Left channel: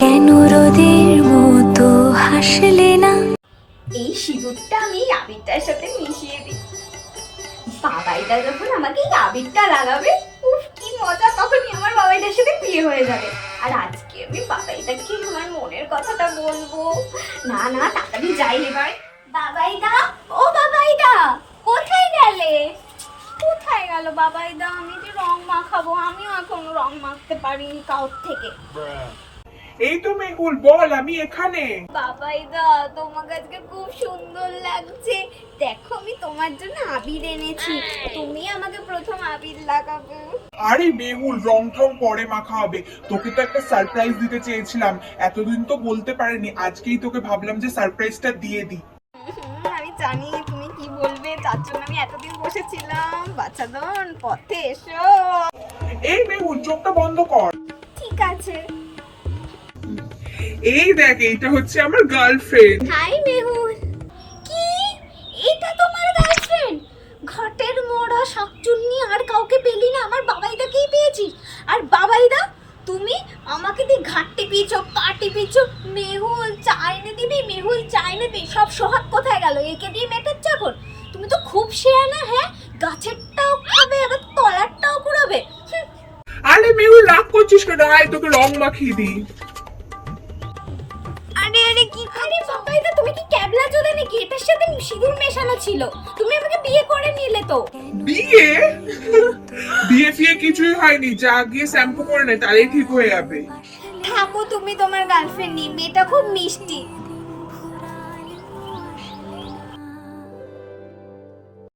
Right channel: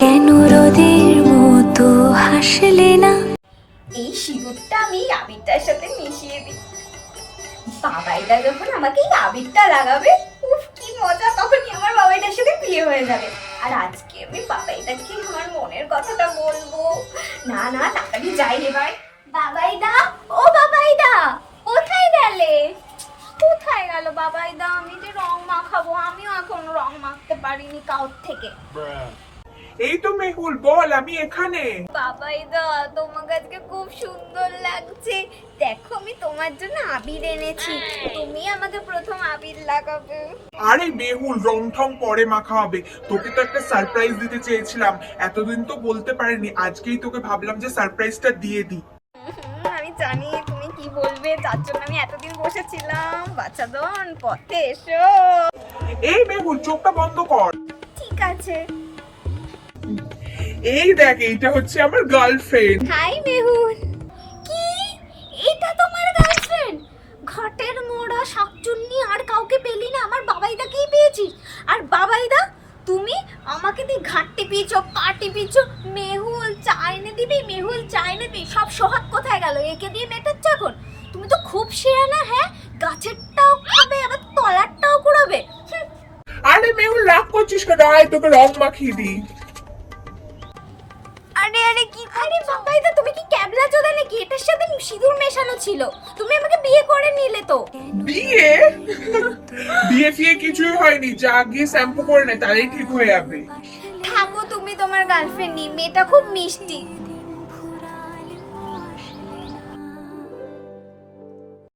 কেন রোদের মতো হাসলে না? এই সিঁদুরটা আমি আবিরটার সাথে মিশিয়ে দিই। বাবাইটা যখন আমাকে এই আবিরটা লাগাবে, উফ কি মজা! তখনই আমার বাবাইটার সাথে বিয়ে হয়ে যাবে। আর আজকে আমি বাবাইটাকে আমার মনের কথাটা বলবো। না না, তাড়াতাড়ি যাই এবার। বাবাইদা, ও বাবাইদা, কোথায় গেলে? কোথায় গেল বাবাইদা? আমি যে রং মাখাবো, আমিও এখন রং মাখতে পারিনি কাউর থেকে। এই তো মেহুল, বল, আমি এখানে। বাবাইদা, তোমাকে আজকে খুব সুন্দর লাগছে। দেখো, আমি তোমার জন্য আবির এনেছি। তুমি আমাকে প্রথম আবির লাগাবে। আরে মেহুল, রং ঠং পরে মাখা হবে। তোকে তো একটা সারপ্রাইজ দিতে চেয়েছিলাম, এতদিন তো বলতে পারিনি। আজকেই তোকে ভাবলাম যে সারপ্রাইজটা দিয়ে দিই। আমি জানি তুমি কি বলবে, তার জন্য আমি এতদিন বসেছিলাম। বাচ্চাদন, পথে এসো। এই মেহুল, চোখটা বন্ধ কর। ঠিক আছে। এই দেখ, এইটা হচ্ছে আমার গার্লফ্রেন্ড। হাই মেহুল। কি? এটা তোমার গার্লফ্রেন্ড? ঘাটের মোড়া শাকচুন্নি আর কাউকে পেলি না, আমার বাবাইদাকেই পেয়েছিস। আর বাবাইদা, তুমি আমাকে দিয়ে ঘাট টিপিয়েছো, পা টিপিয়েছো। মেহুল চা এনে দিবি, মেহুল চা এনে দিবি। সব সোহাগ কোথায় গেল? একে দিয়ে মেটাচ্ছে এখন? তুমি তো খুব শেয়ানা। হ্যাঁ, গাছেরটাও খাবে, আবার তলারটাও কুড়াবে। আরে মেহুল, রাগ করছিস কেন? আয়, তোকে রং মাখিয়ে দিই। আরে আরে কি? আরে বাবাইদা, তুমি কি ক্যাবলা চোদা নাকি? এটার সাথে সিঁদুর মেশানো ছিল। তুমি আমাকে বিয়ে করে নিলে তো। বিয়ে? বিয়ে ফিয়ে কিছুই হয়নি, যা গিয়ে শ্যাম্পু করে নে, তাহলেই ঠিক হয়ে যাবে। থাকো তুমি তোমার গার্লফ্রেন্ড নিয়ে, মেয়েটা খুব মিষ্টি।